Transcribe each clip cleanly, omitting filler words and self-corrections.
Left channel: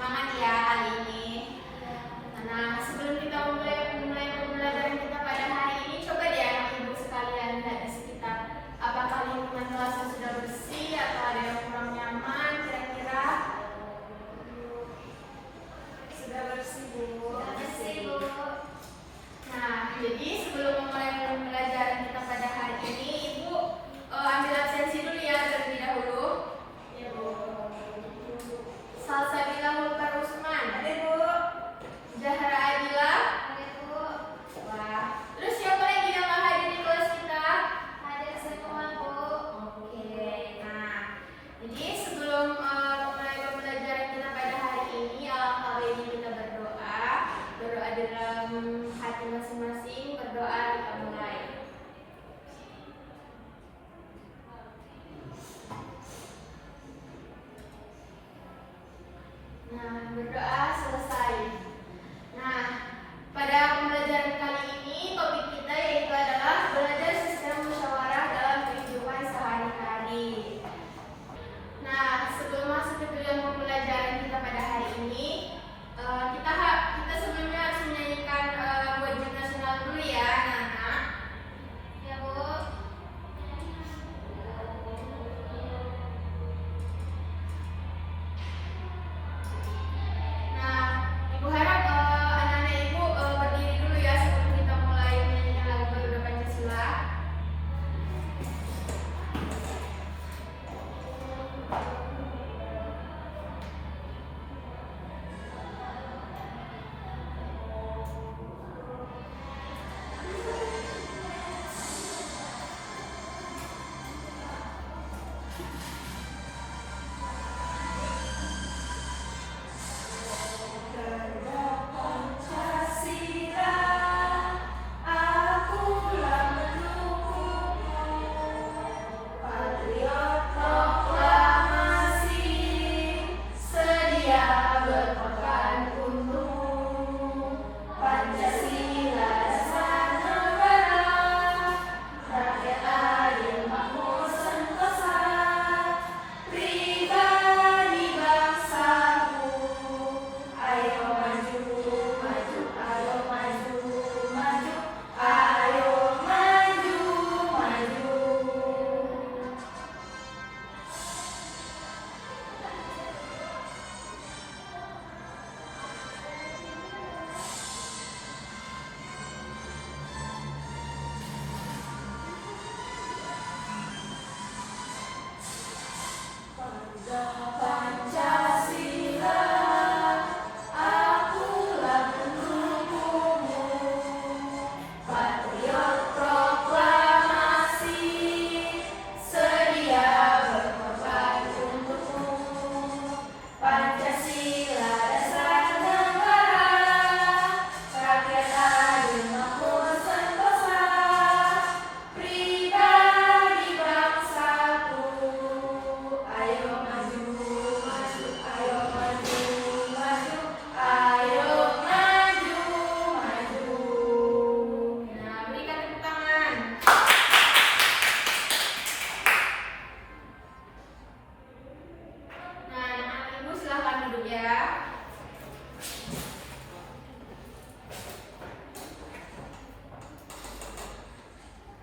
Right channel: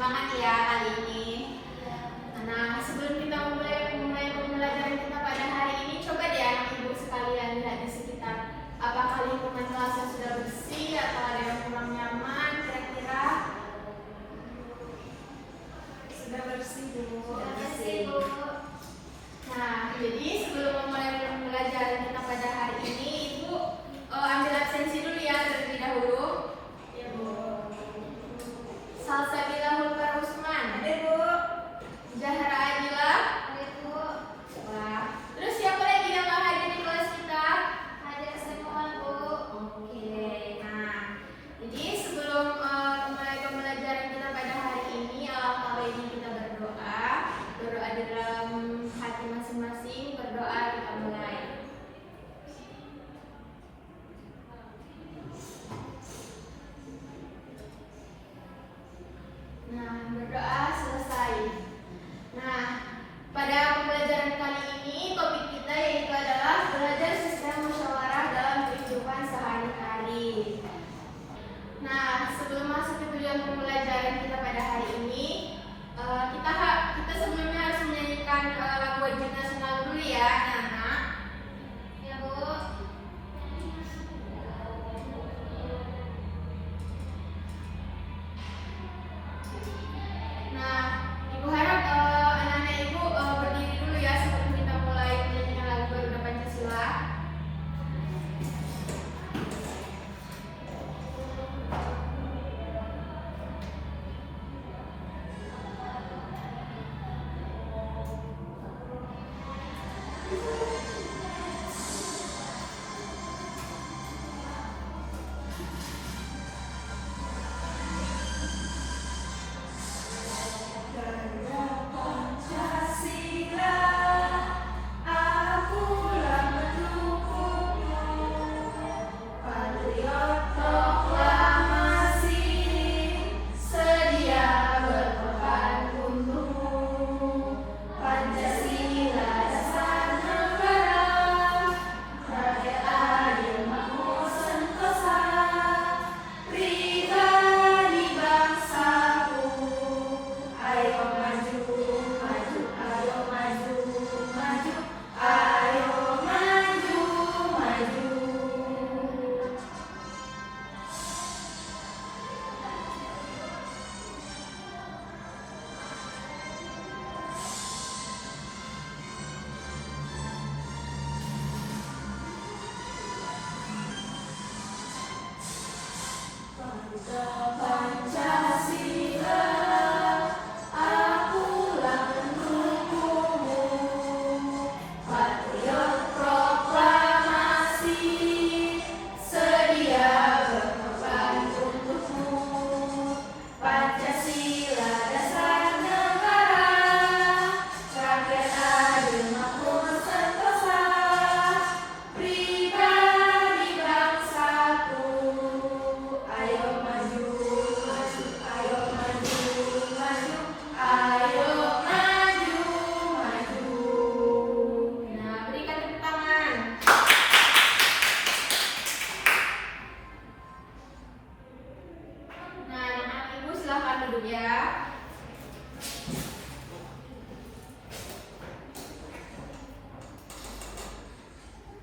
semangat ya kali ini. Nah, sebelum kita mulai pembelajaran kita pada hari ini, coba deh anak ibu sekalian lihat di sekitar. Apakah lingkungan kelasnya sudah bersih atau ada yang kurang nyaman kira-kira? Sudah bersih, Bu. Sudah bersih, Bu. Nah, jadi sebelum memulai pembelajaran kita pada hari ini, Ibu ambil absensi dulu ya terlebih dahulu. Ibu Salsabila Mulkar Usman. Ada, Bu. Zahra Adila. Ada, Bu. Wah. Terus siapa lagi yang nggak hadir di kelas kita? Ada semua, Bu. Oke. Nah, jadi sebelum memulai pembelajaran kita pada hari ini, alangkah baiknya kita berdoa di dalam hati masing-masing. Berdoa kita mulai. Nah, berdoa selesai. Nah, pada pembelajaran kali ini topik kita yaitu adalah belajar sistem musyawarah dalam kehidupan sehari-hari. Nah, sebelum masuk ke dalam pembelajaran kita pada hari ini, kita sebelumnya harus menyanyikan lagu wajib nasional dulu ya, anak-anak. Ya, Bu. Nah, Ibu harap anak-anak Ibu berdiri dulu ya sebelum kita mulai menyanyikan lagu Garuda Pancasila.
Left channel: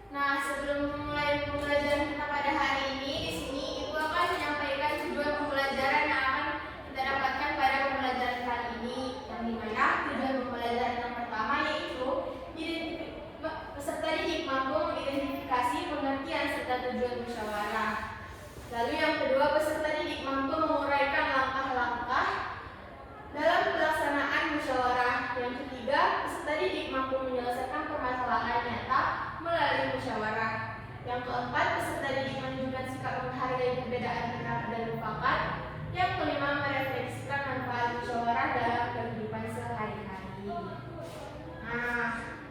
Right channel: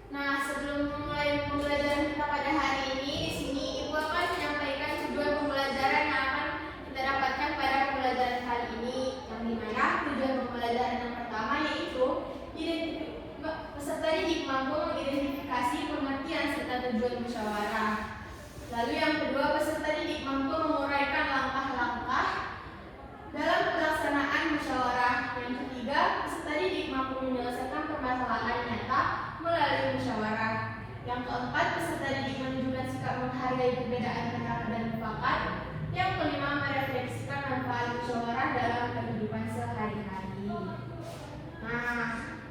Nah, sebelum memulai pembelajaran kita pada hari ini, di sini Ibu akan menyampaikan tujuan pembelajaran yang akan kita dapatkan pada pembelajaran kali ini. Yang dimana tujuan pembelajaran yang pertama yaitu peserta didik mampu mengidentifikasi pengertian serta tujuan musyawarah. Lalu yang kedua, peserta didik mampu menguraikan langkah-langkah dalam pelaksanaan musyawarah. Yang ketiga, peserta didik mampu menyelesaikan permasalahan nyata melalui musyawarah. Yang keempat, peserta didik menunjukkan sikap menghargai perbedaan dan mufakat. Yang kelima, merefleksikan manfaat musyawarah dalam kehidupan sehari-hari. Nah,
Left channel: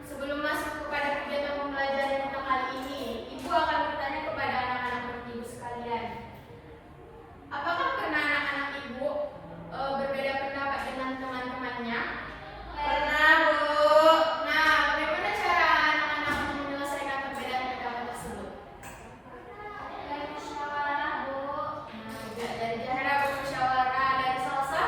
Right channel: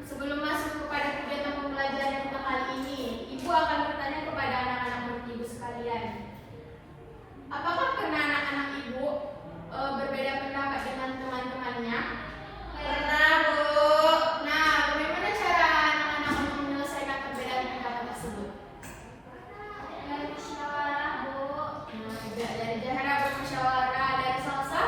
sebelum masuk kepada kegiatan pembelajaran kita kali ini, Ibu akan bertanya kepada anak-anak Ibu sekalian. Apakah pernah anak-anak Ibu berbeda pendapat dengan teman-temannya? Pernah, Bu. Nah, bagaimana cara anak-anak menyelesaikan perbedaan pendapat tersebut? Dari musyawarah, Bu. Dari Zahra bermusyawarah, dari Salsa?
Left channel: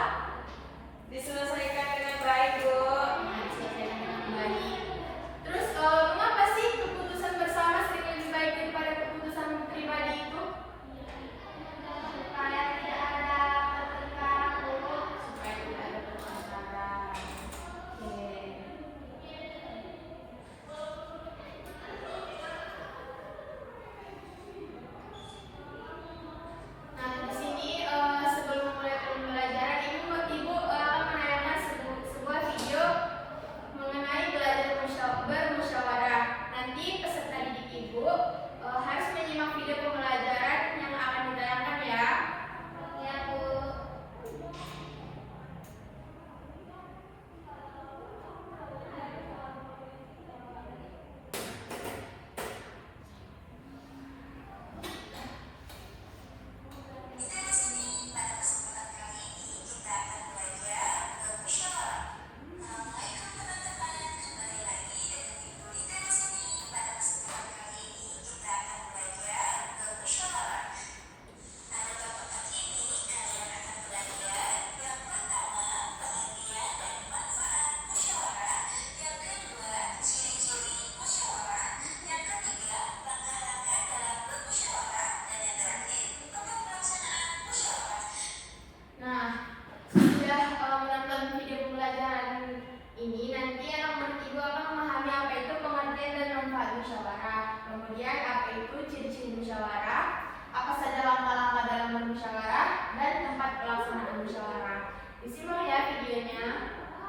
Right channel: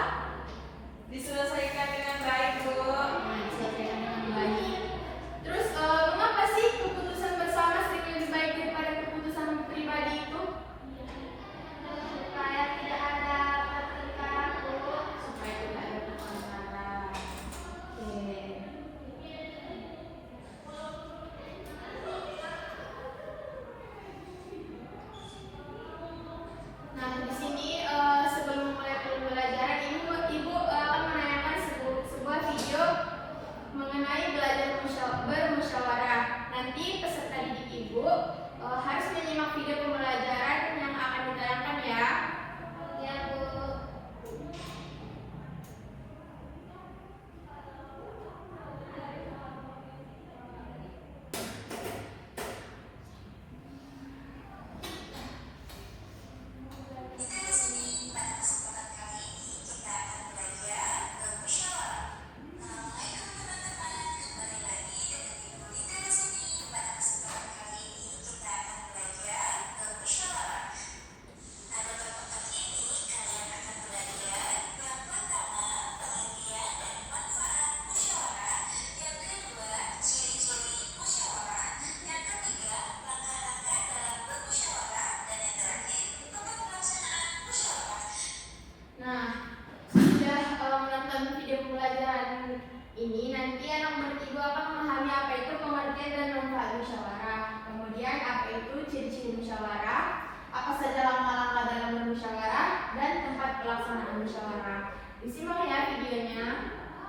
saja langkah-langkah dalam bermusyawarah dan tempat pelaksanaan musyawarah. Disimak ya videonya.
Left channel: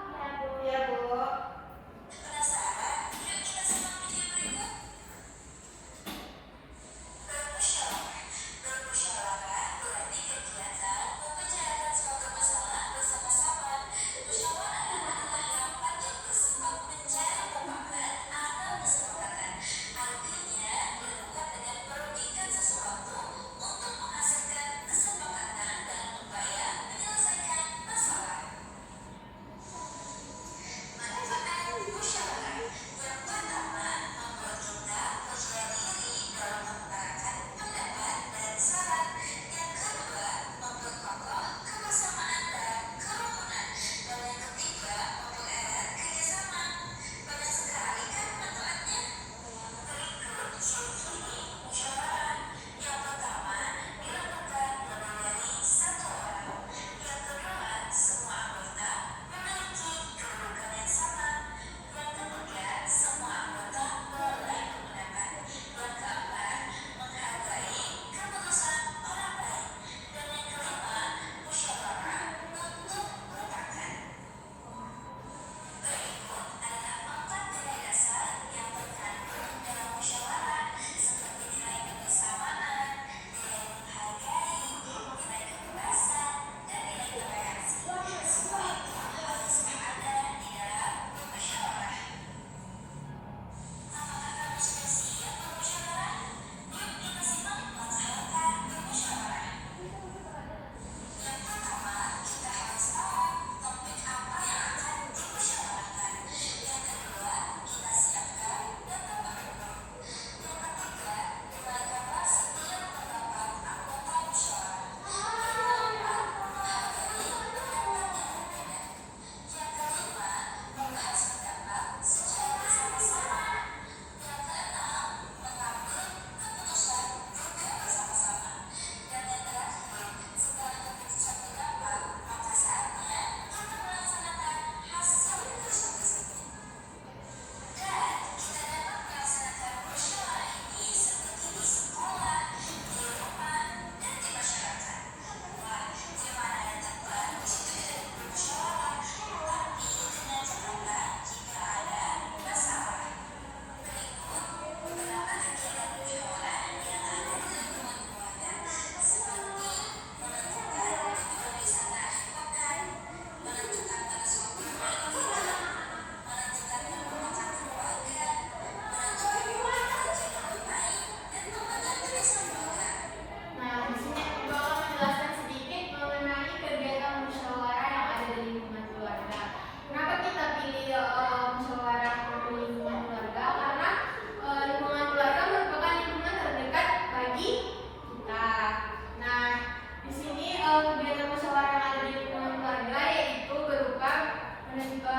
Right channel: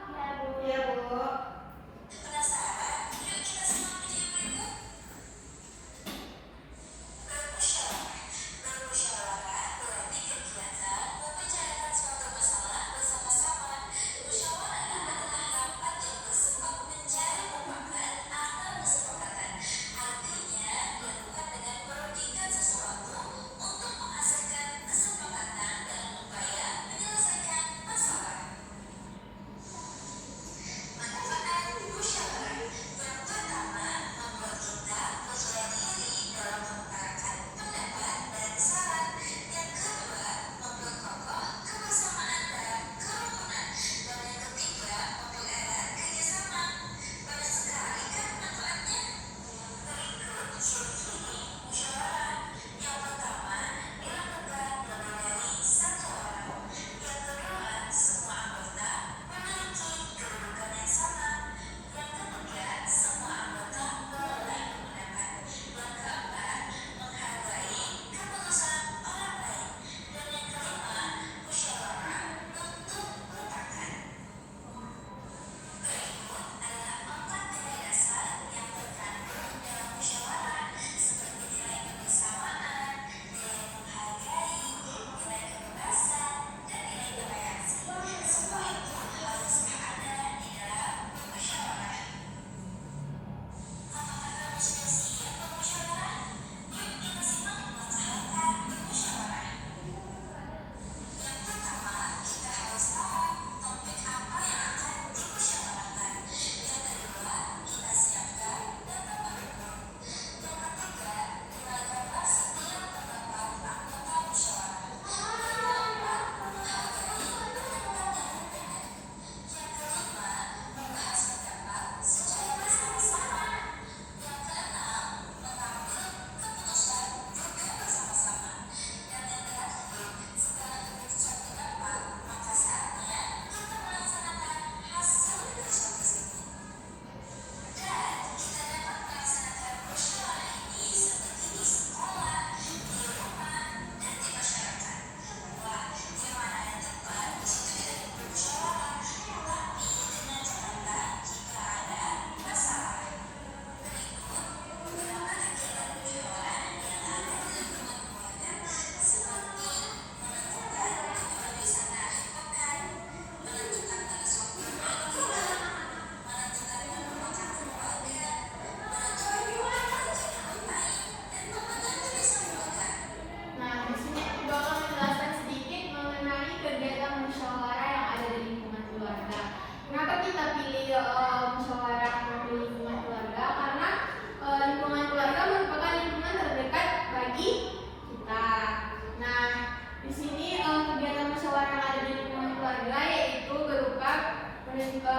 Ya, Bu. Iya, Bu.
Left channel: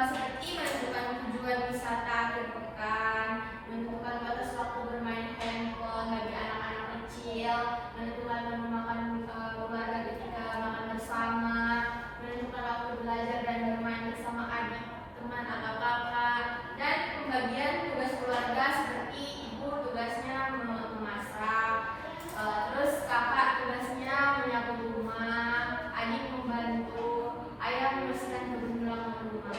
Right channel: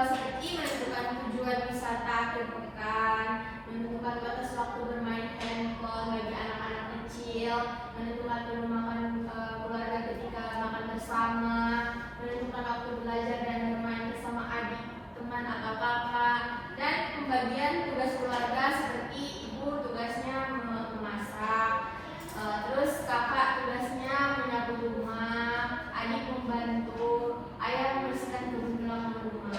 Seperti menentukan tujuan wisata akhir pekan, menentukan batas waktu bermain handphone bagi anak-anak kecil, menentukan menu makan keluarga ketika makan bersama, menentukan waktu belajar dan bermain bersama adik, teman atau kakak, dan pembagian tugas keluarga seperti ibu tugasnya memasak, terus kakak tugasnya menyapu rumah, adik membantu, ayah membersihkan kebun belakang rumah.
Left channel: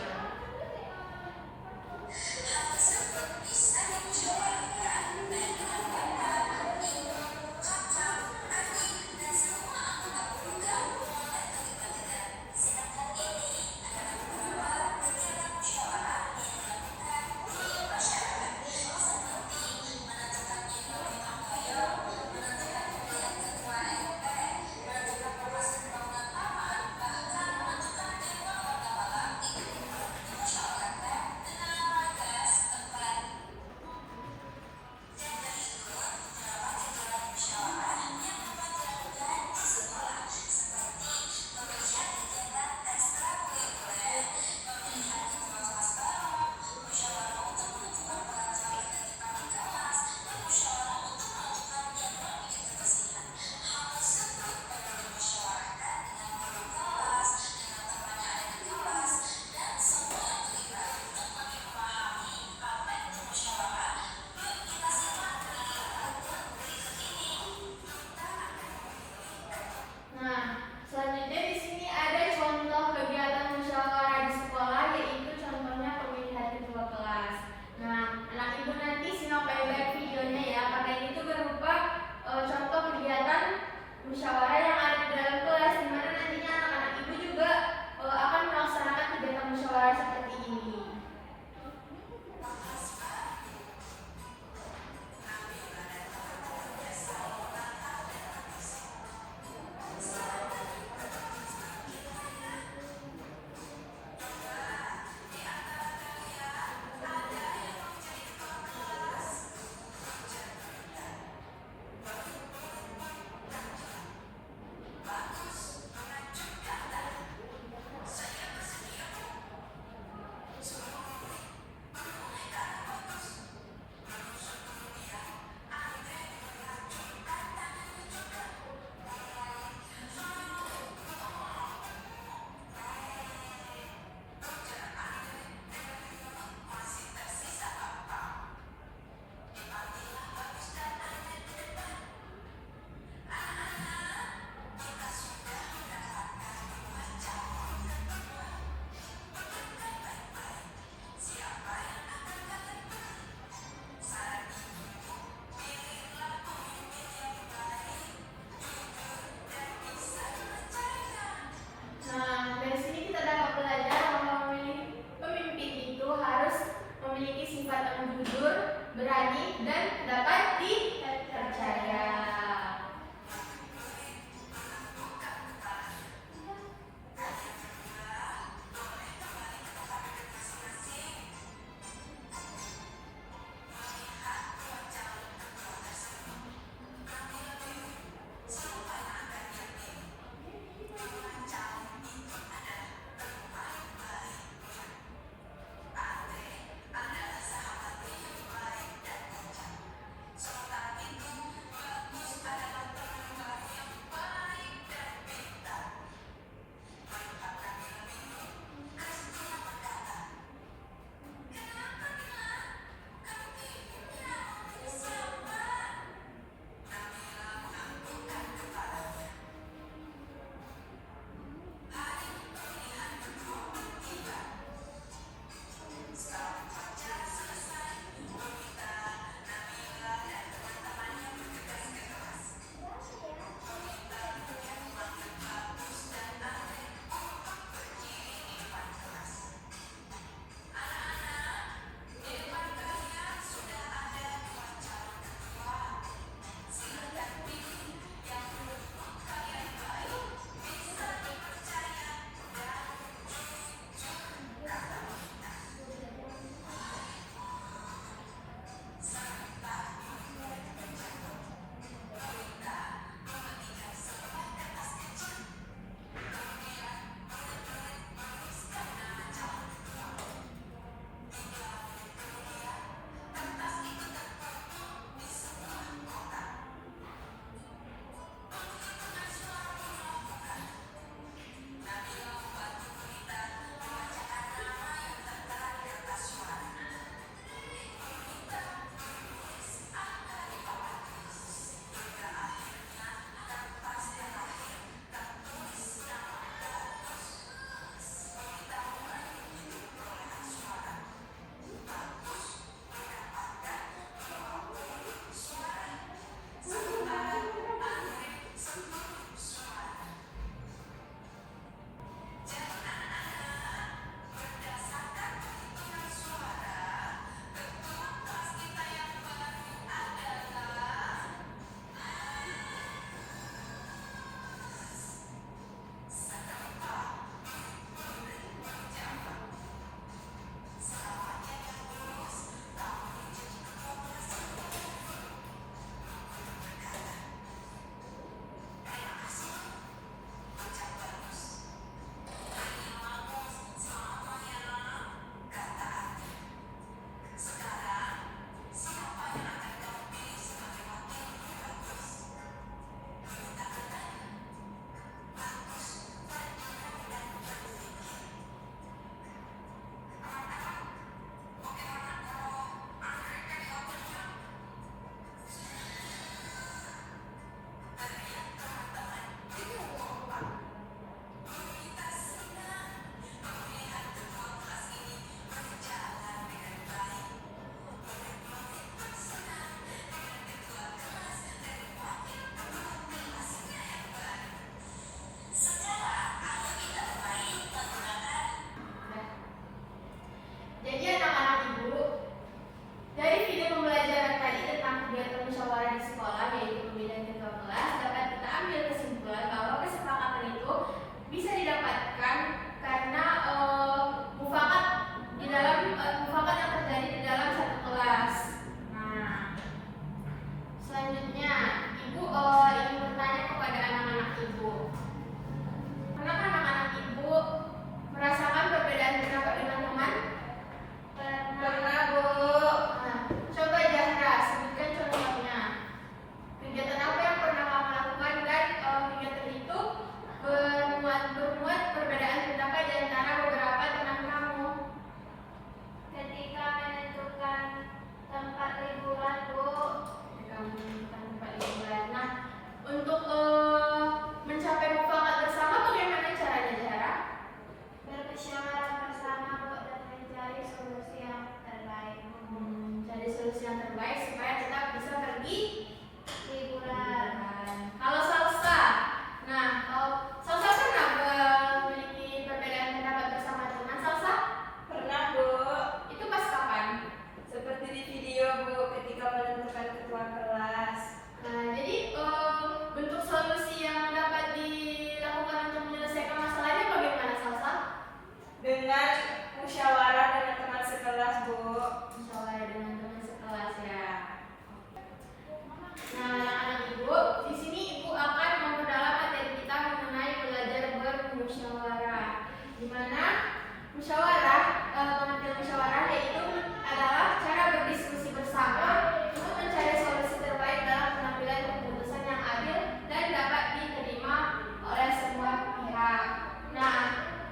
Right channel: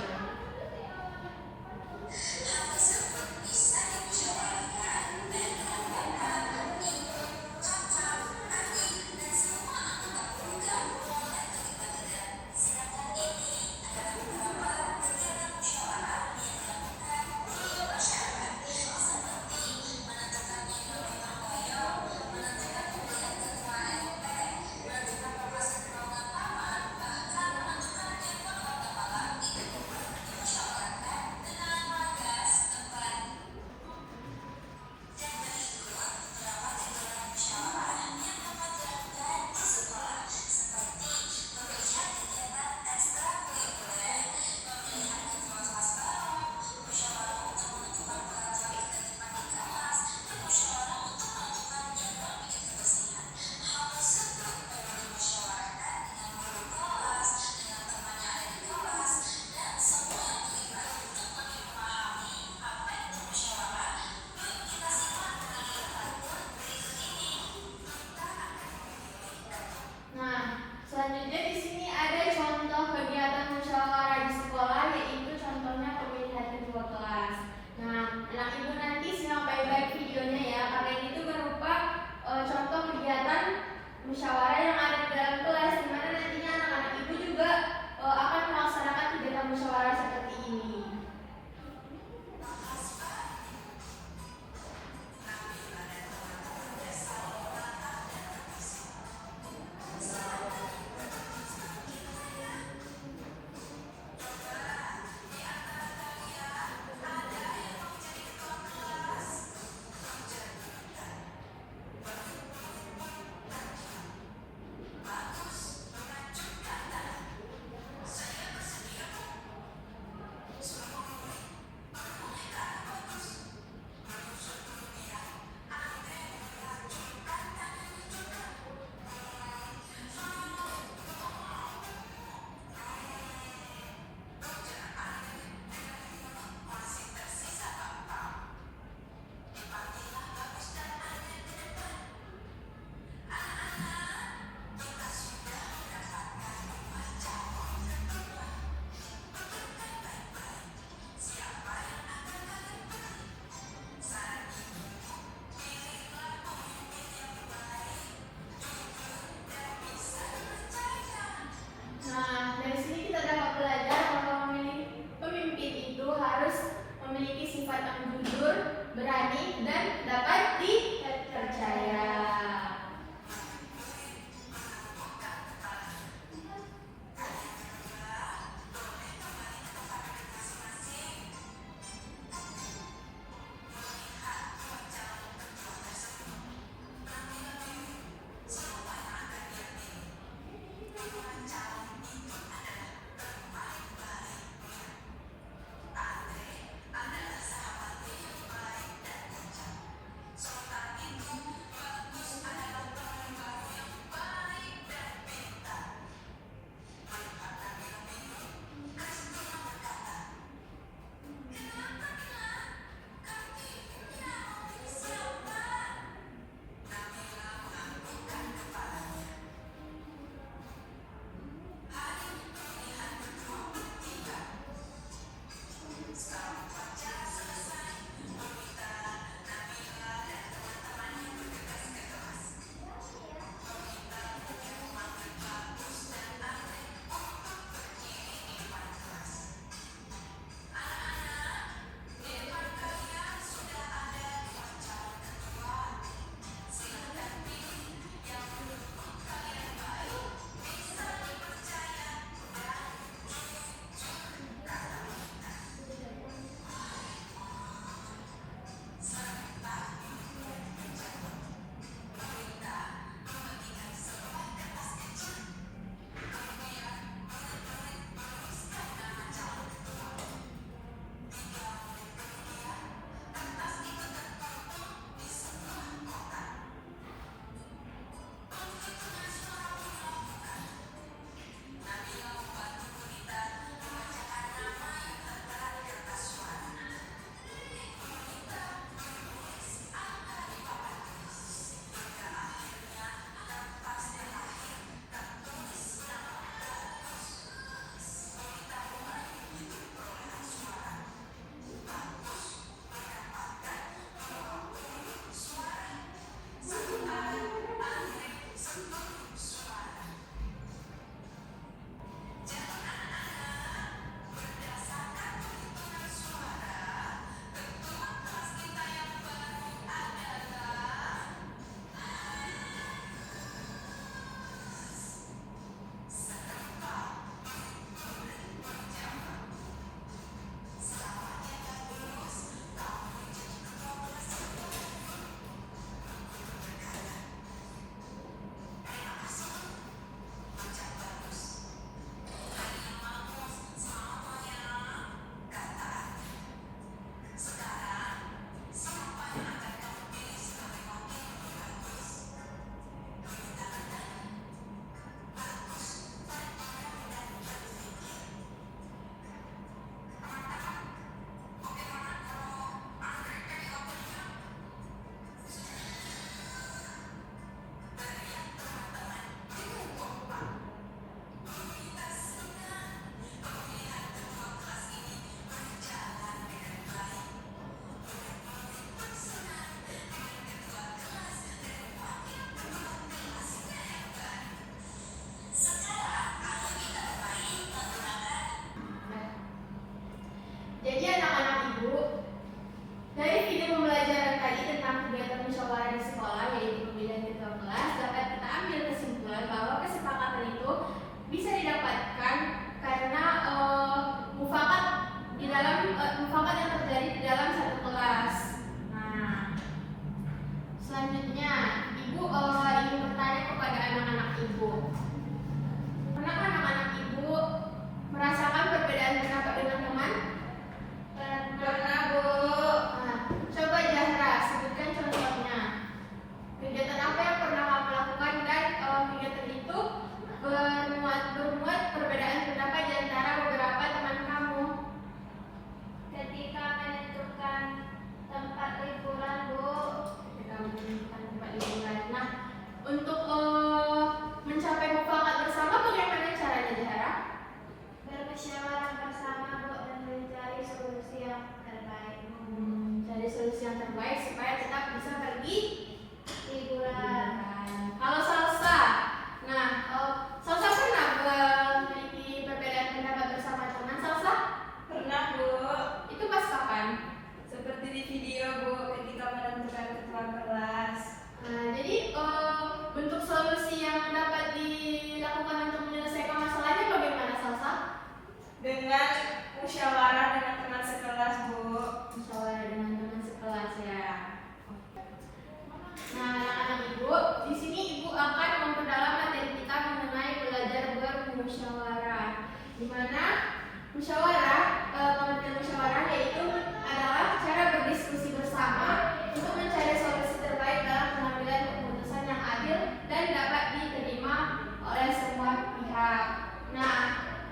di mana pengertian musyawarah yaitu adalah cara berdiskusi bersama untuk mencari solusi terbaik dalam pengambilan keputusan yang adil dan dapat diterima oleh semua pihak. Nah,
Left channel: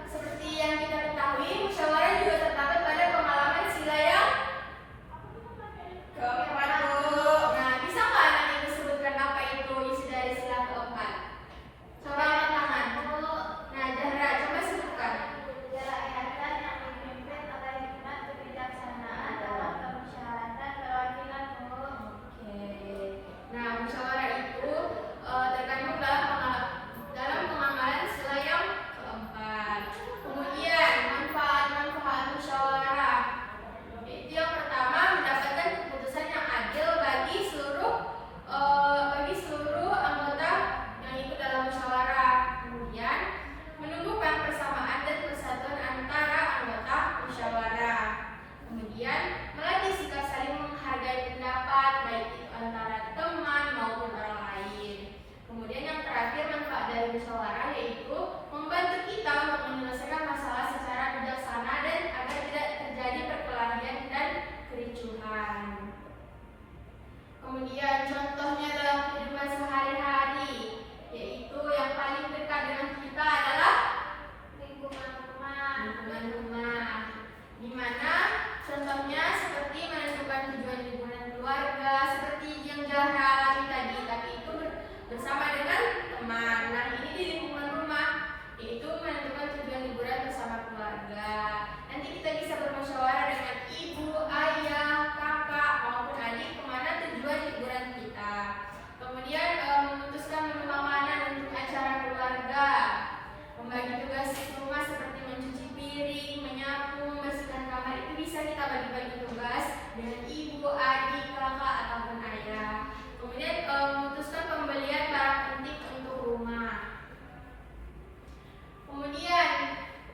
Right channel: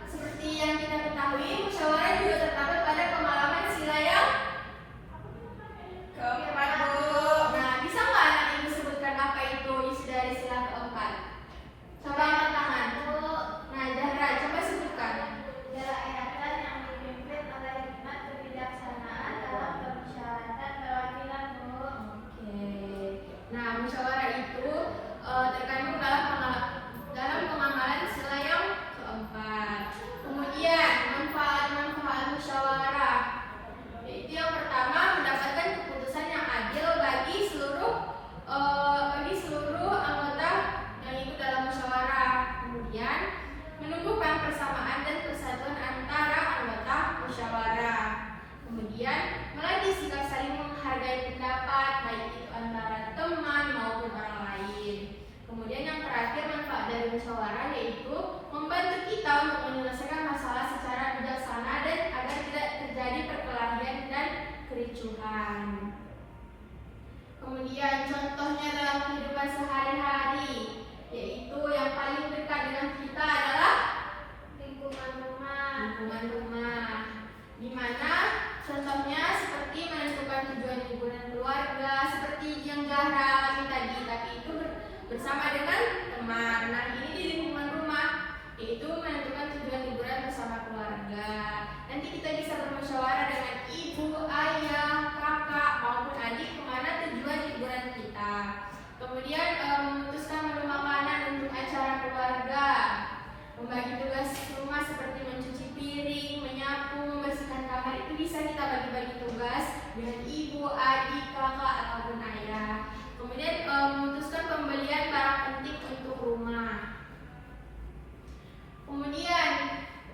seperti yang kita ketahui, musyawarah juga terdapat pada pengalaman sila yang Keempat, Bu. Nah, bisa nggak anak ini disebutkan apa itu isi dari sila keempat? Coba angkat tangan. Nah, Zahra, coba sebutkan. Kerakyatan yang dipimpin oleh hikmat kebijaksanaan dalam permusyawaratan perwakilan umum. Oke. Nah, musyawarah itu terkandung dalam pengamalan sila yang keempat. Kemudian manfaat musyawarah. Yaitu yang pertama, mendapatkan keputusan yang adil bagi seluruh anggota yang ikut dalam musyawarah. Kemudian menumbuhkan persamaan dan persatuan antara anggota musyawarah. Kemudian melatih sikap saling menghargai pendapat baik itu antara teman maupun orang lain. Kemudian yang terakhir, manfaat dari musyawarah yaitu membantu kita untuk menyelesaikan masalah secara bijaksana dan agar tidak terjadi perkelahian dan kericuhan. Kemudian contohnya dalam kehidupan sehari-hari, yaitu yang paling dekat dengan kita adalah Lingkungan rumah. lingkungan rumah, di mana contohnya seperti menentukan tujuan liburan keluarga seperti yang Zahra alami tadi, tapi itu bersama dengan teman. Nah, ini di lingkungan rumah, yaitu menentukan tujuan liburan bersama keluarga. Nanti kita bisa bermusyawarah dengan ibu, ayah, kakak maupun adik kemana tujuan liburan kita. Kemudian memutuskan menu makanan untuk acara keluarga, membagi tugas rumah seperti mencuci piring, menyapu, membersihkan kamar, itu bisa kita bagi-bagi tugas dengan ibu, adik, kakak ataupun ayah. Kemudian memutuskan pembelian barang penting untuk rumah. Kemudian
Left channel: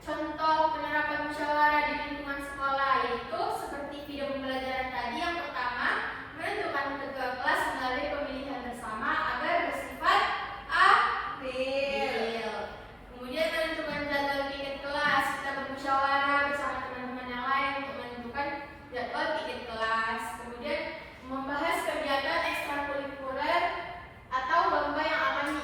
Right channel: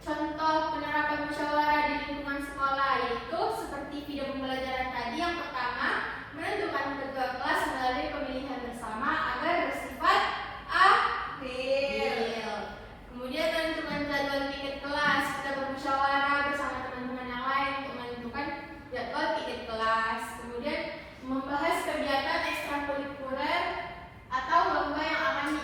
contoh penerapan musyawarah di lingkungan sekolah yaitu seperti video pembelajaran tadi. Yang pertama, menentukan ketua kelas melalui pemilihan bersama agar bersifat adil. Kemudian menentukan jadwal pikir kelas, kita bermusyawarah bersama teman-teman yang lain untuk menentukan jadwal pikir kelas. Kemudian membahas kegiatan ekstrakurikuler atau lomba yang akan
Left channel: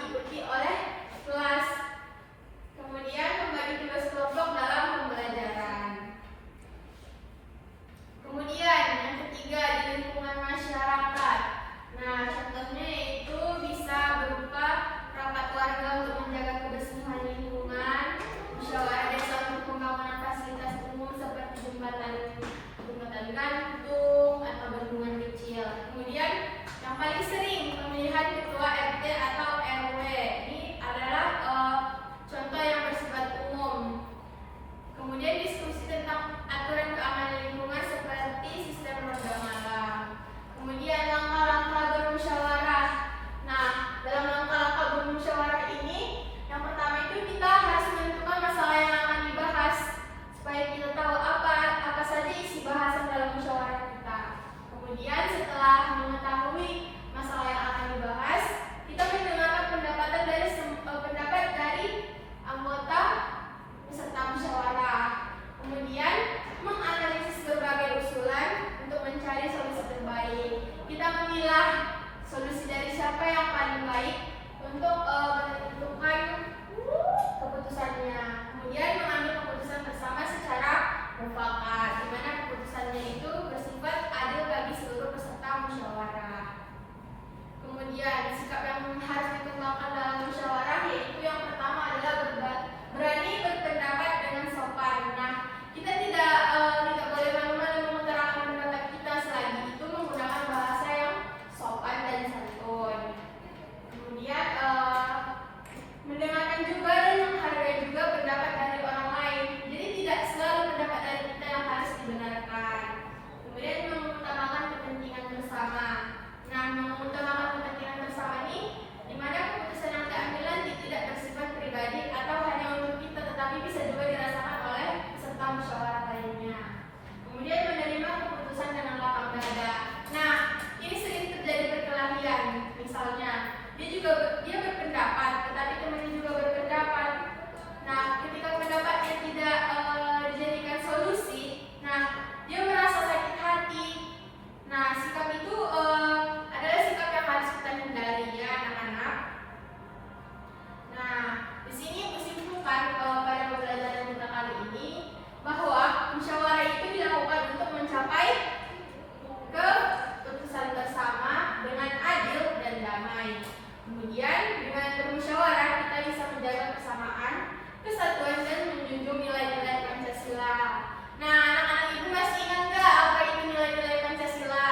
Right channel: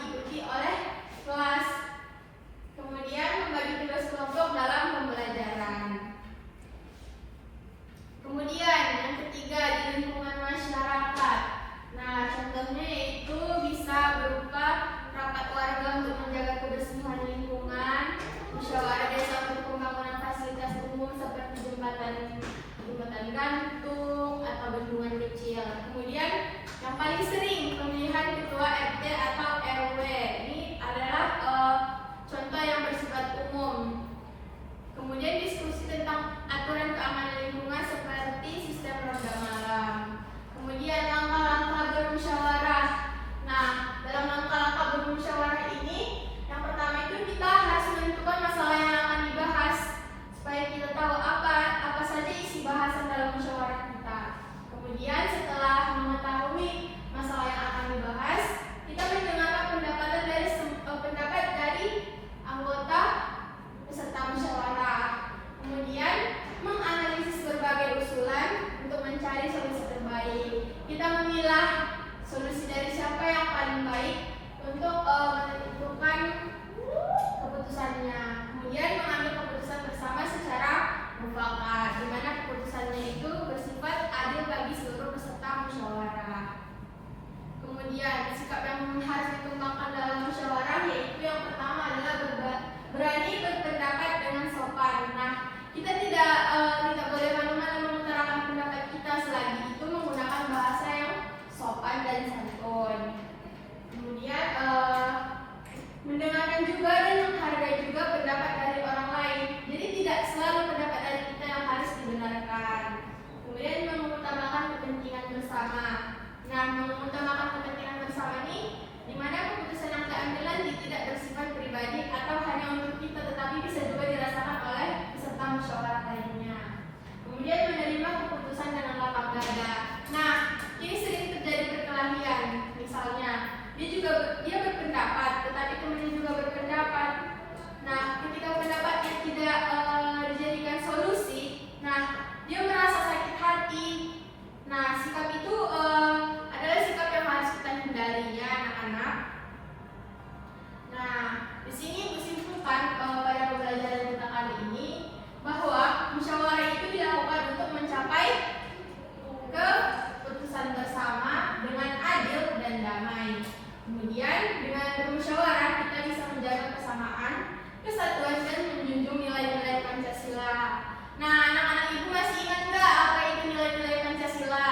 menjaga kesamaan, persatuan dan menjunjung nilai-nilai Pancasila. Nah, anak-anak ibu masih ingat nggak apa itu nilai-nilai Pancasila?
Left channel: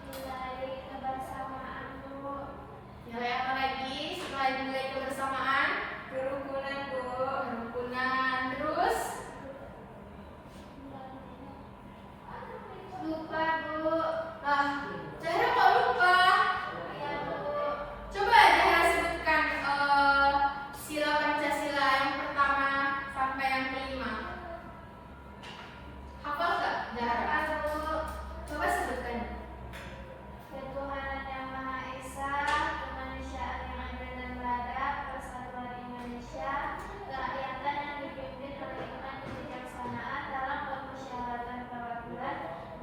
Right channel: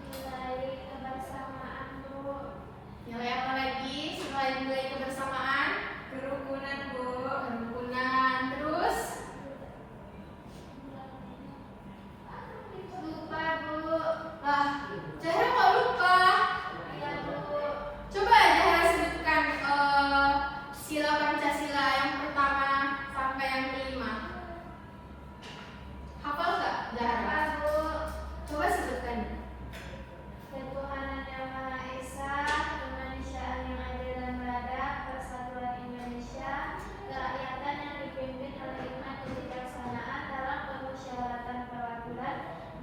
Nilai kebersamaan, Bu. Nilai apa lagi selain nilai kebersamaan? Kerukunan, Bu. Kerukunan. Terus Lupa, Bu. Cara kok lupa? Ya, Bu. Coba Zahra sebutkan sila Pancasila yang pertama sampai yang kelima. Hafal nggak Zahra? Lupa, Bu. Coba sebutkan. Ketuhanan yang Maha Esa, kemanusiaan yang adil dan beradab, persatuan Indonesia, kerakyatan yang dipimpin oleh hikmat kebijaksanaan dalam permusyawaratan perwakilan,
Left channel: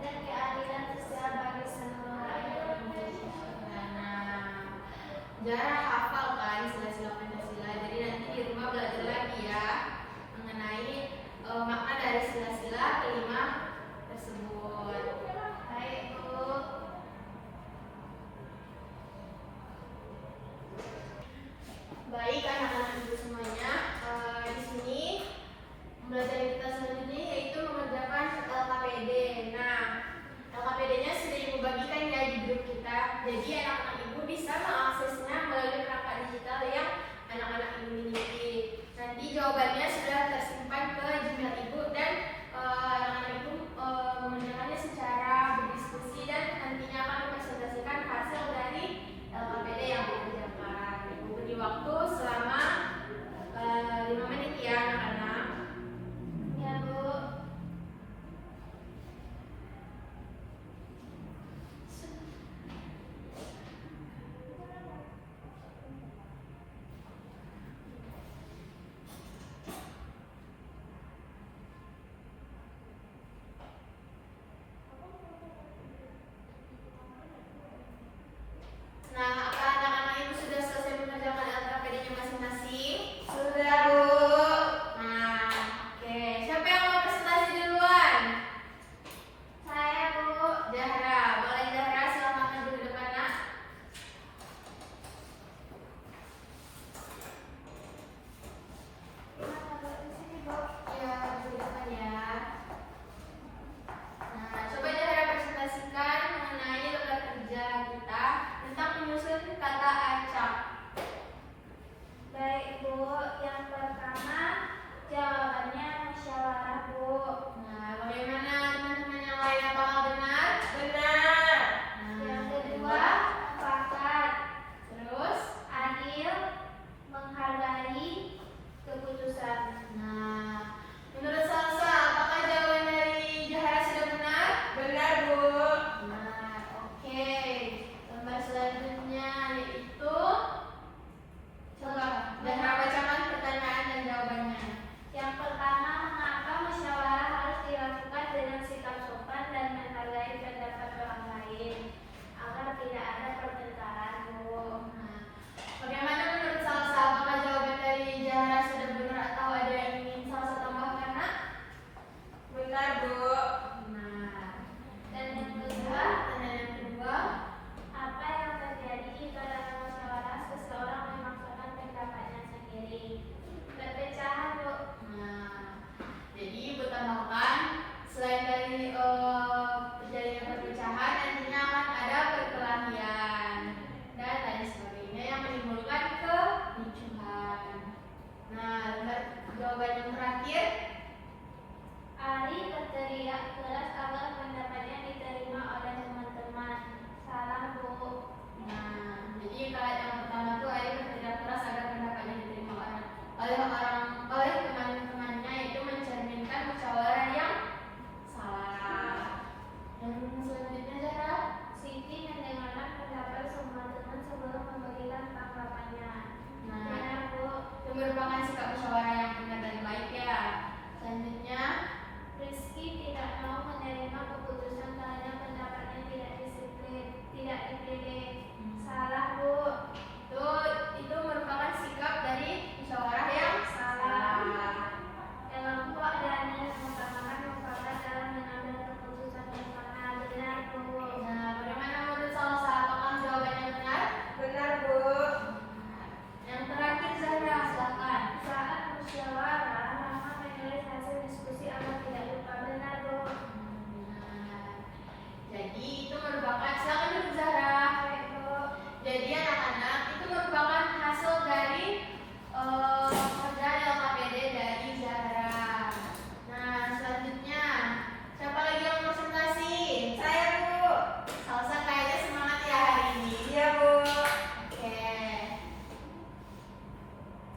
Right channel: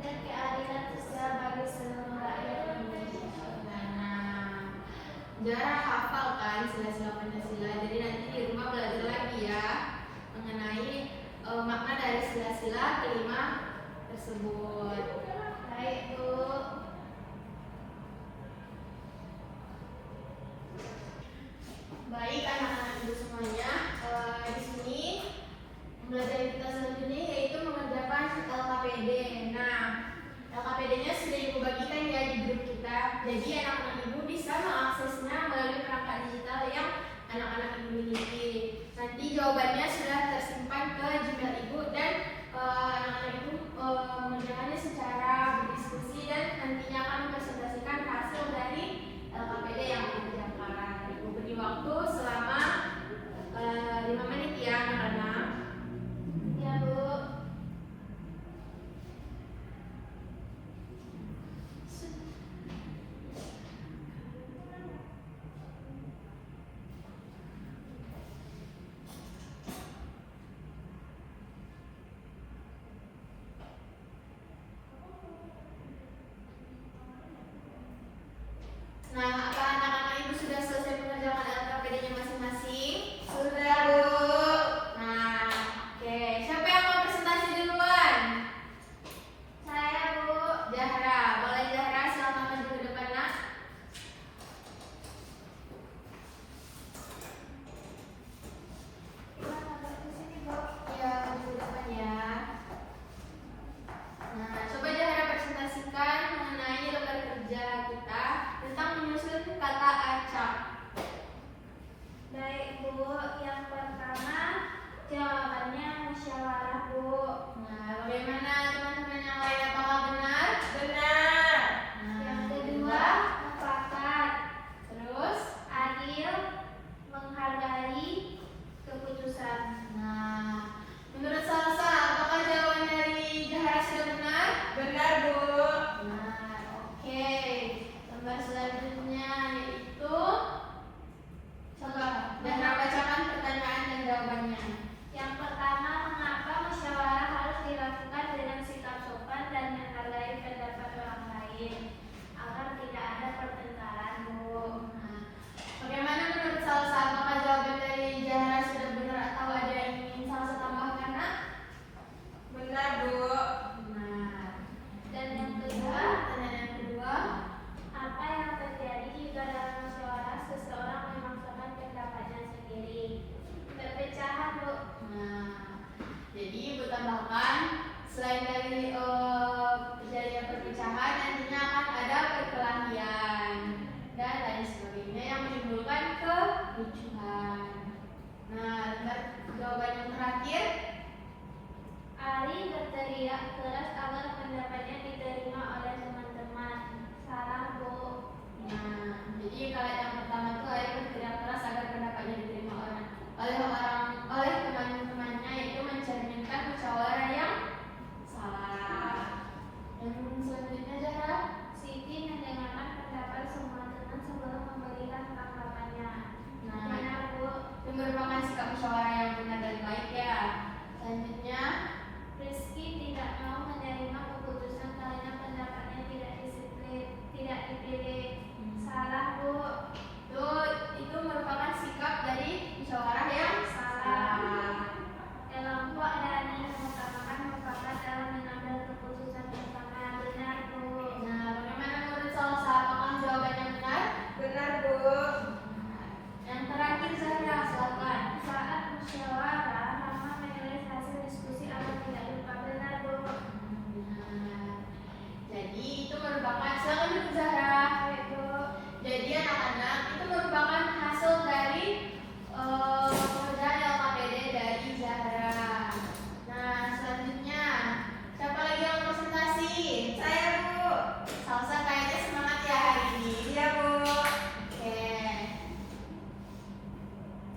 dan keadilan sosial bagi seluruh rakyat Indonesia. Nah, Zahra hafal kan sila-sila Pancasila. Jadi nanti di rumah belajar lagi ya mengenai makna dari sila-sila kelima tersebut. Baik, Bu. Baik anak-anak ibu semuanya, di sini pembelajaran kita selanjutnya yaitu mengerjakan LKPD. Nah, LKPD-nya sudah ibu bagikan ya di grup kita. Jadi anak-anak ibu bisa mengaksesnya melalui perangkat digital yang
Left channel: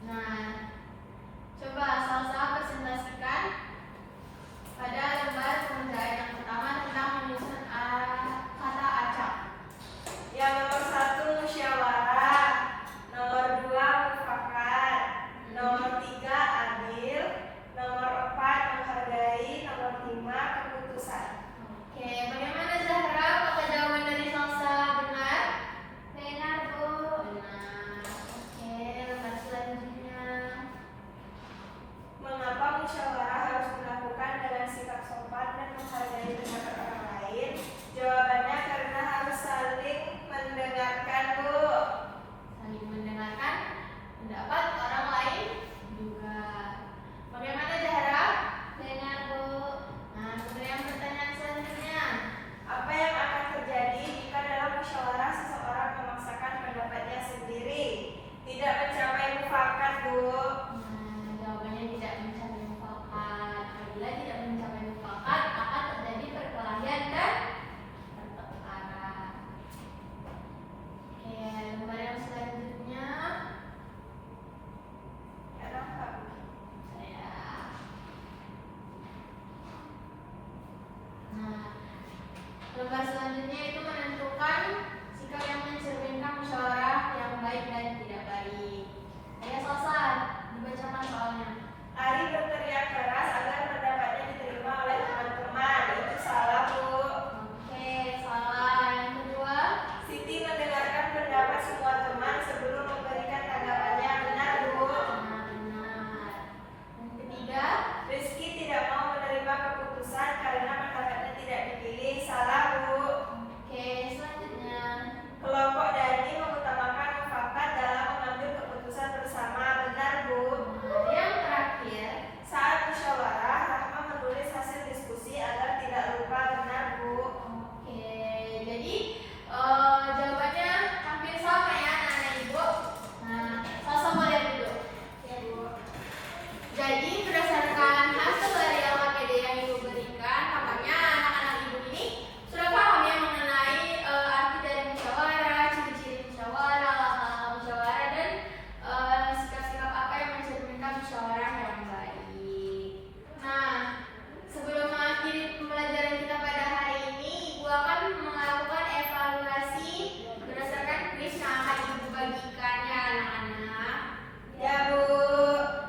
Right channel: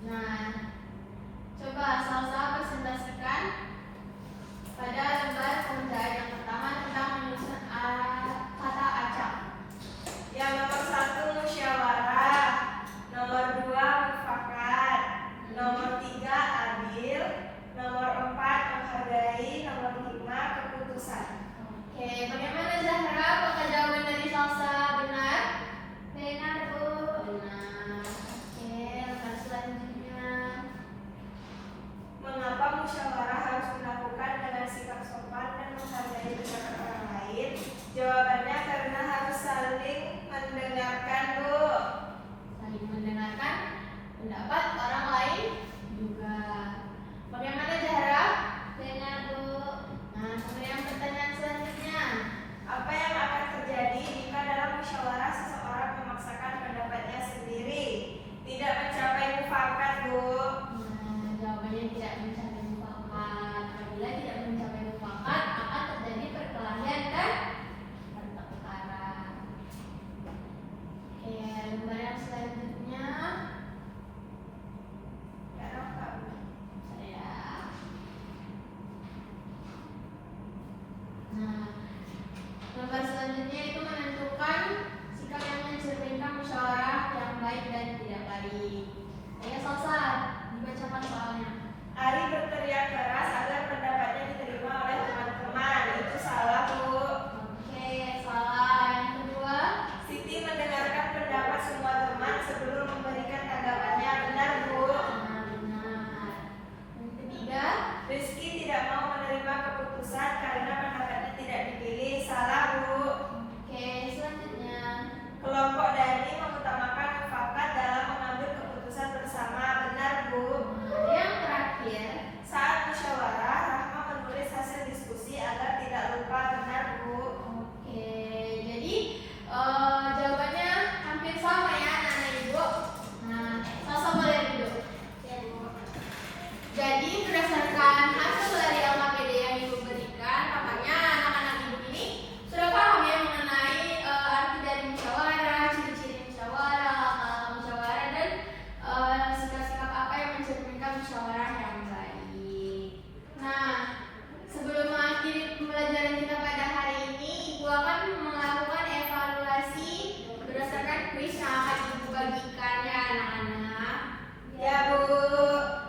Nah, coba Salsa presentasikan pada lembar pengerjaan yang pertama tentang menyusun kata acak. Yang nomor 1 musyawarah, nomor 2 mufakat, nomor 3 adil, nomor 4 menghargai, nomor 5 keputusan. Oke, bagaimana Zahra? Apakah jawaban dari Salsa benar? Benar, Bu. Benar. Oke, lembar selanjutnya. Mengapa musyawarah harus dilakukan dengan sikap sopan dan menghargai pendapat orang lain? Jawabannya karena harus saling mendengarkan, Bu. Saling mendengarkan pendapat orang lain juga. Bagaimana Zahra? Benar, Bu. Nah, kemudian pertanyaan selanjutnya. Apa yang akan terjadi jika dalam musyawarah seseorang memaksakan pendapatnya sendiri? Tidak mencapai mufakat, Bu. Nah, jawabannya tidak mencapai mufakat. Apabila tidak mencapai mufakat, akan terjadi perkelahian dan pertengkaran. Oke, lembar yang selanjutnya. Ya, dapat, Bu. Ya. Nah, lembar selanjutnya itu menentukan sikap yang mencerminkan musyawarah yang baik dan tidak baik. Ayo Salsa, dibacakan soalnya. Ari berteriak keras agar pendapatnya diterima oleh teman-teman. Itu salah, Bu. Oke, salah. Yang kedua. Siti mendengarkan pendapat semua teman sebelum memberikan tanggapannya. Benar, Bu. Nah, benar. Yang ketiga. Rizky tidak mau menerima keputusan karena pendapatnya tidak dipilih. Salah, Bu. Oke, selanjutnya. Kelompok Dani mengutamakan mufakat dalam mengambil keputusan bersama. Benar, Bu. Nah, yang terakhir. Saat musyawarah, Rahma menulis hasil diskusi agar tidak lupa. Benar, Bu. Oke, jadi jawabannya hampir sama ya anak-anak ibu. Nah, Salsa boleh dulu. Ya, Bu. Jadi berdasarkan hasil dari LKPD yang ibu berikan, tampaknya anak-anak ibu ini sudah paham ya mengenai arti dari musyawarah, ciri-ciri musyawarah, langkah-langkah musyawarah, dan sikap-sikap apa yang mencerminkan musyawarah yang baik. Nah, sebelum mengakhiri pembelajaran kita pada hari ini, ibu akan melakukan evaluasi berdasarkan kuis yang akan ibu bagikan ya anak-anak. Ya, Bu.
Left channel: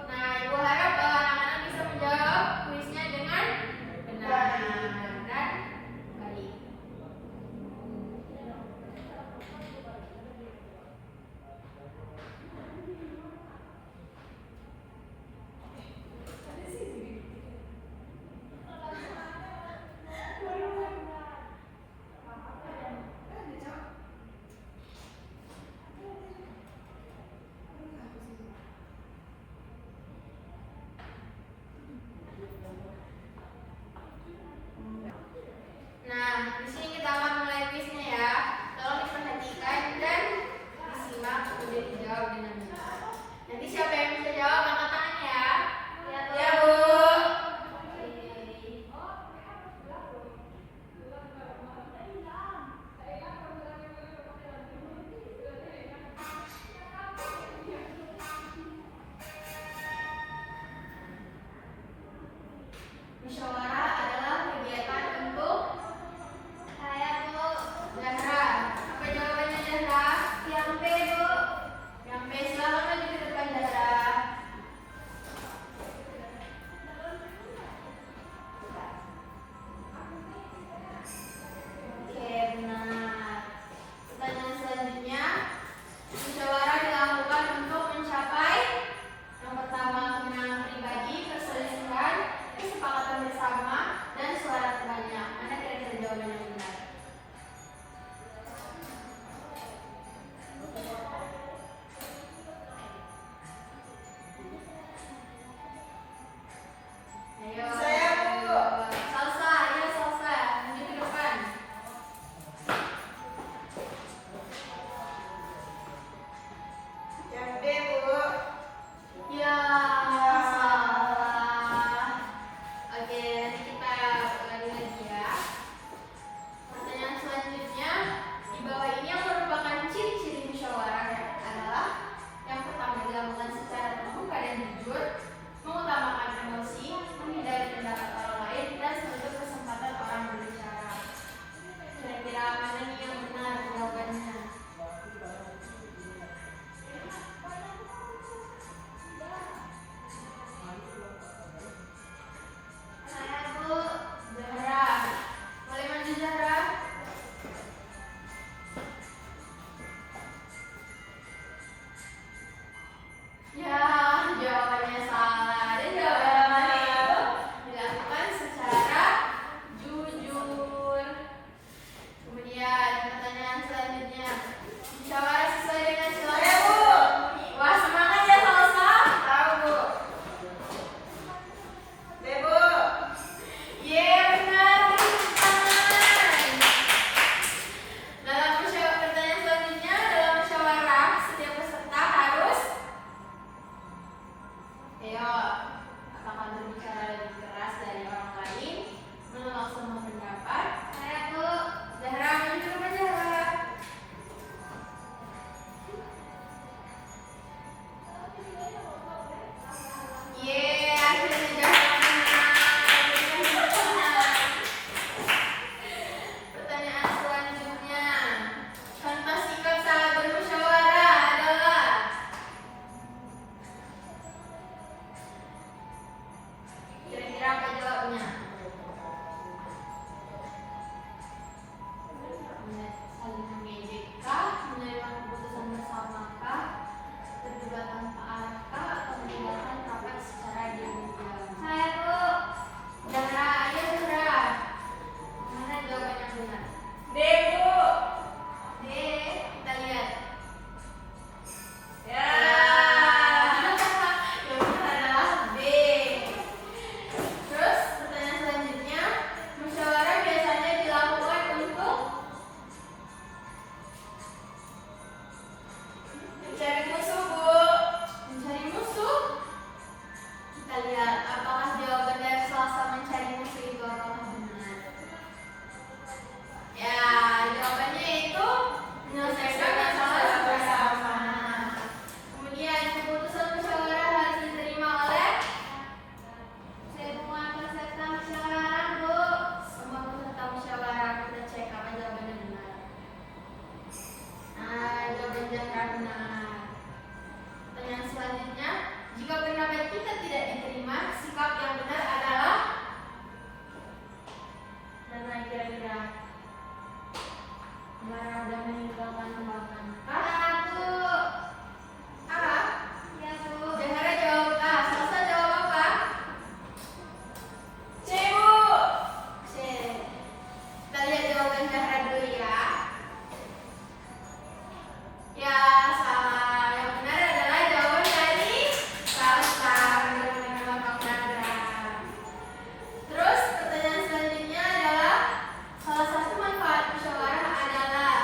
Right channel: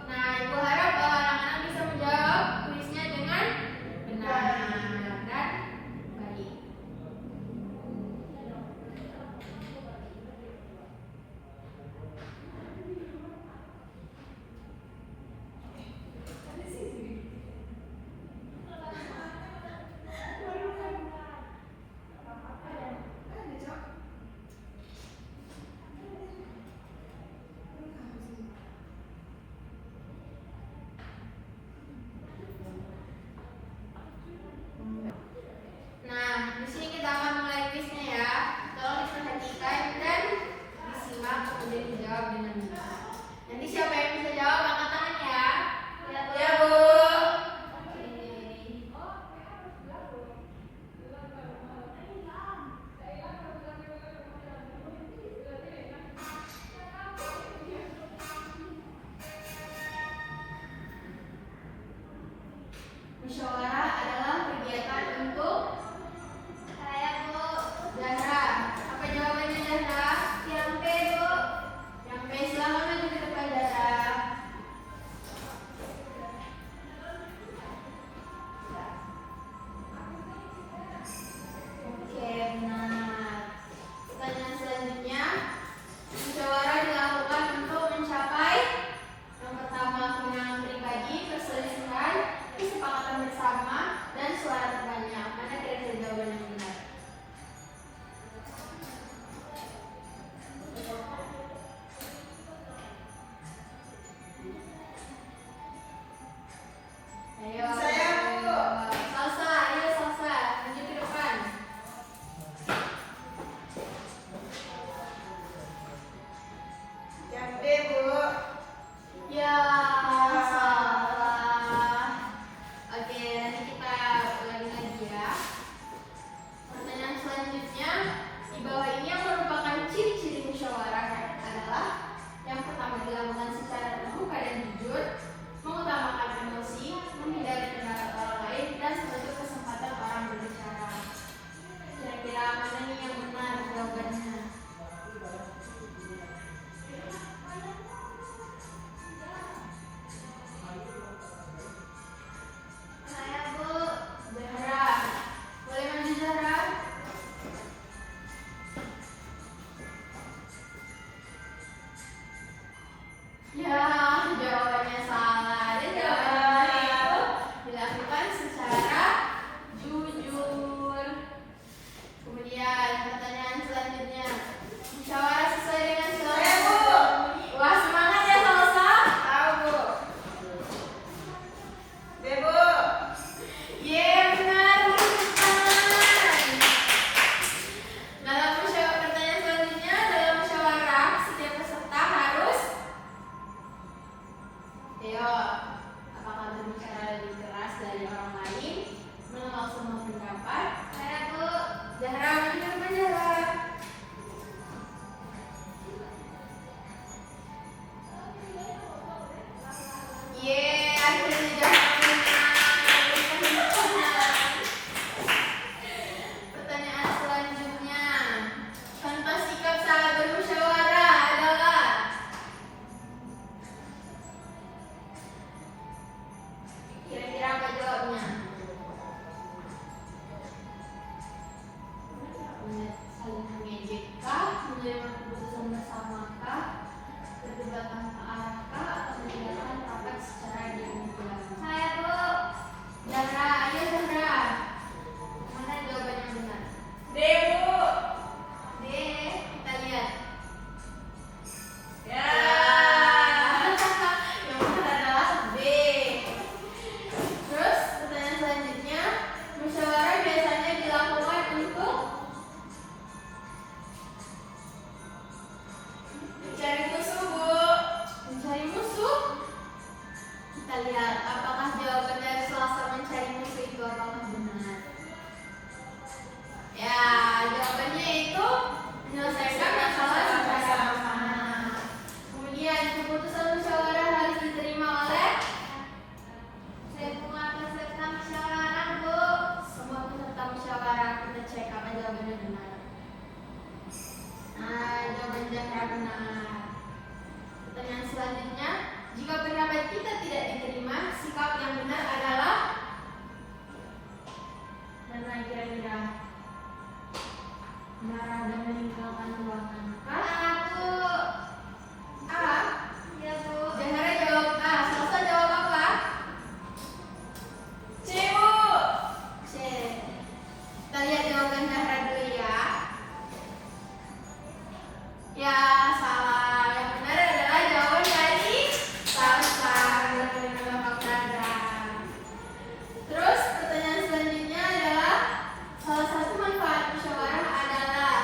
Nah, ibu harap anak-anak bisa menjawab kuisnya dengan benar dan baik. Ayo, apakah berbicara lebih keras dari orang lain? Menolak semua pendapat? Saya Bu. Zahra menjawab. Akhirnya Zahra menang. Pertanyaan selanjutnya. Contoh sikap salah bermusyawarah adalah kira-kira apa jawabnya? Saling mengejek-kah, menerima keputusan bersamakah, berdebat tanpa arah-kah, atau menjalankan rapat secara diam-diam? Saya Bu. Zahra, ayo Zahra. Mana jawaban yang benar? D, Bu. D, kita lihat. Ya. Yang benar adalah B. Terus pertanyaan selanjutnya, musyawarah biasanya dilakukan untuk Mencari musuh, Bu. mencari musuh. Kita lihat apakah jawaban dari Selasa mencari musuh itu apakah benar. Ya, jawabannya itu menyelesaikan masalah bersama-sama. Kemudian keputusan musyawarah harus diterima oleh Semua peserta musyawarah Bu. semua peserta musyawarah. Kita cek apa jawabannya benar. Nah, jawaban Zahra benar. Pertanyaan selanjutnya, jika pendapat kita tidak diterima, sikap yang benar adalah dan kira-kira marah dan meninggalkan ruangan. Saya Bu. A. Ya Bu. Zahra jawab A. Selasa jawab apa? C, Bu. C. Kita lihat jawaban Zahra dulu ya. Ya, salah. Yang benar adalah jawaban dari Selasa. Meninggalkan ruangan. Terus pertanyaan selanjutnya adalah salah satu manfaat musyawarah adalah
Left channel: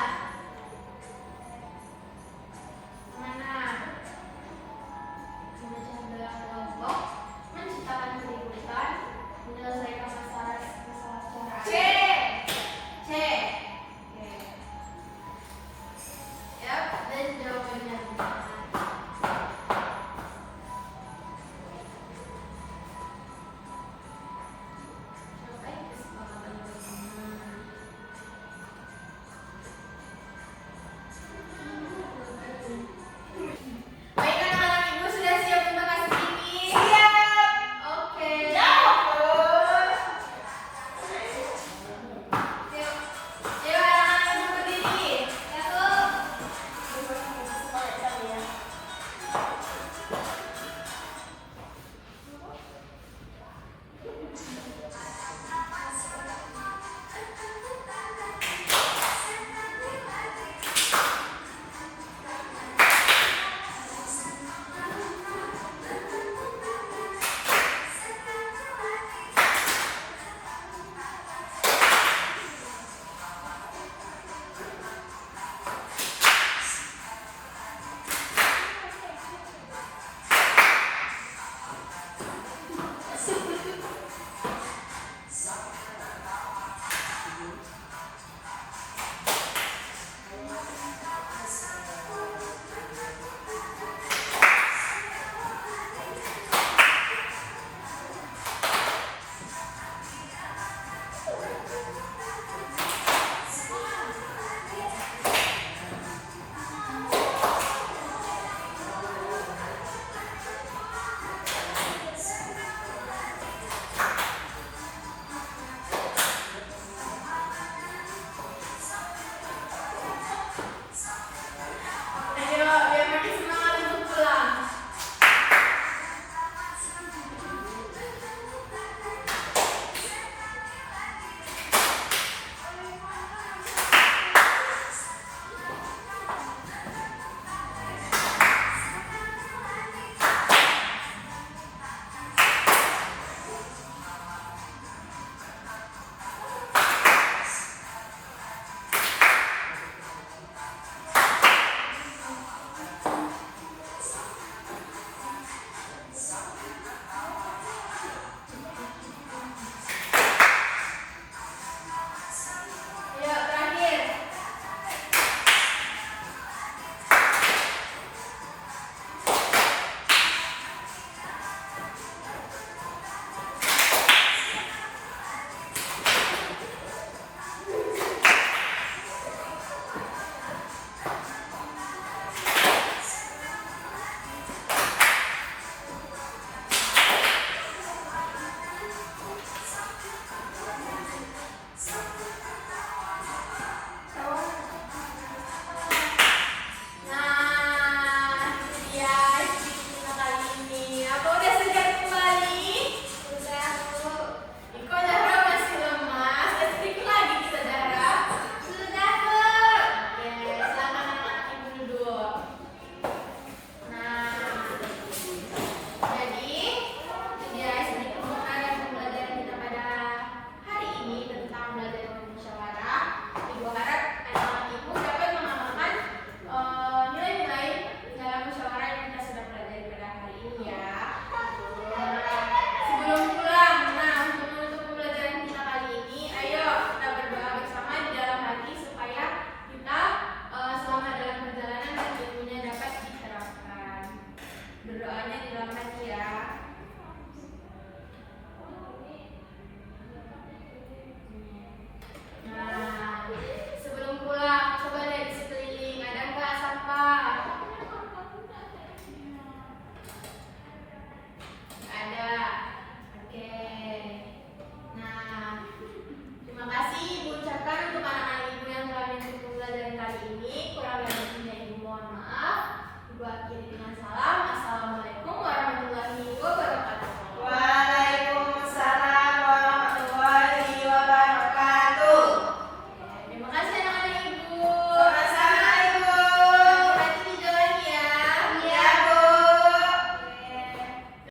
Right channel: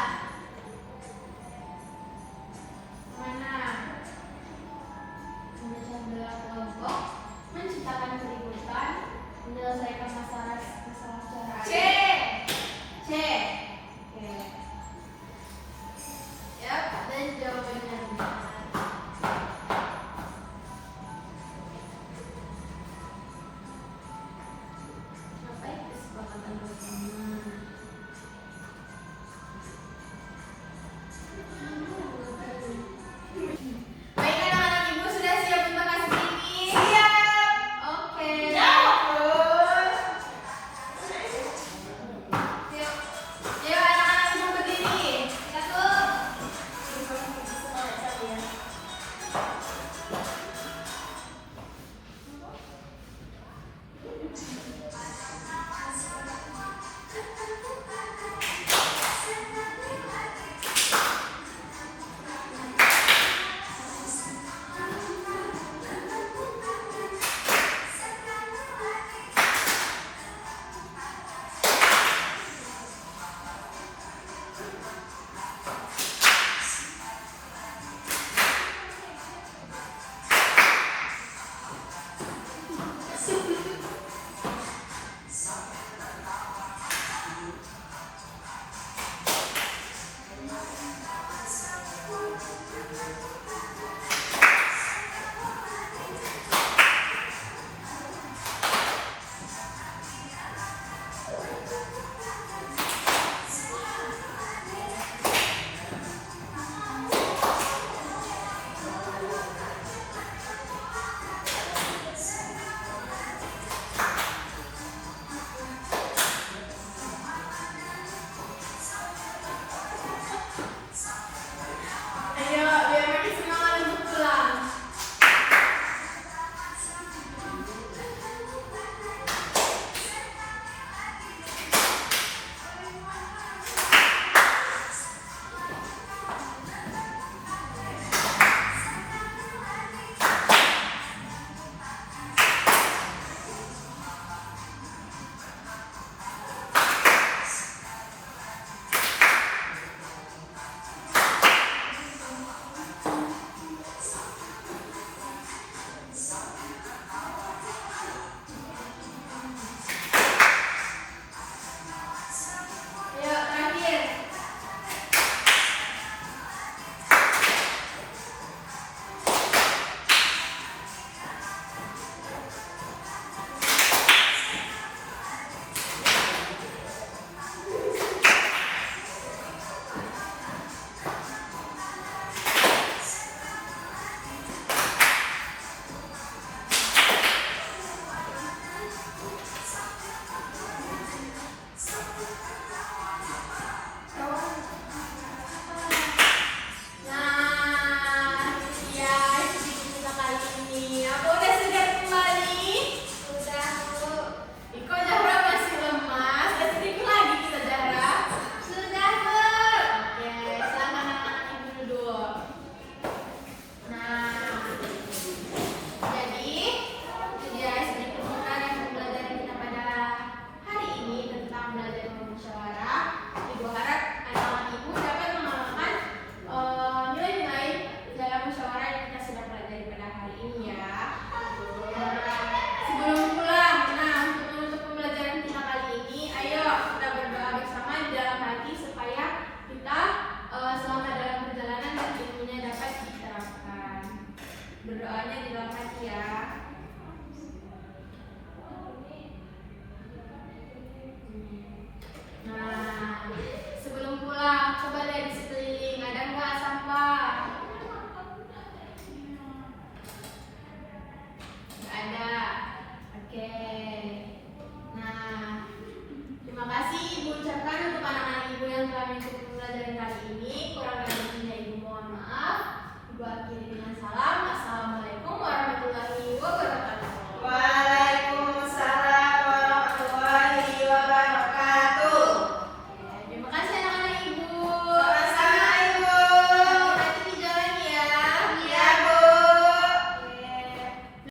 jawabannya di luar hati ya. Nah, sebelum pulang coba lihat di sekeliling ada nggak sampah? Nggak ada. Oke. Nah, terima kasih Ibu ucapkan untuk anak-anak Ibu yang telah mengikuti pelajaran kali ini. Kurang lebihnya Ibu mohon maaf. Ibu akhiri dengan salam.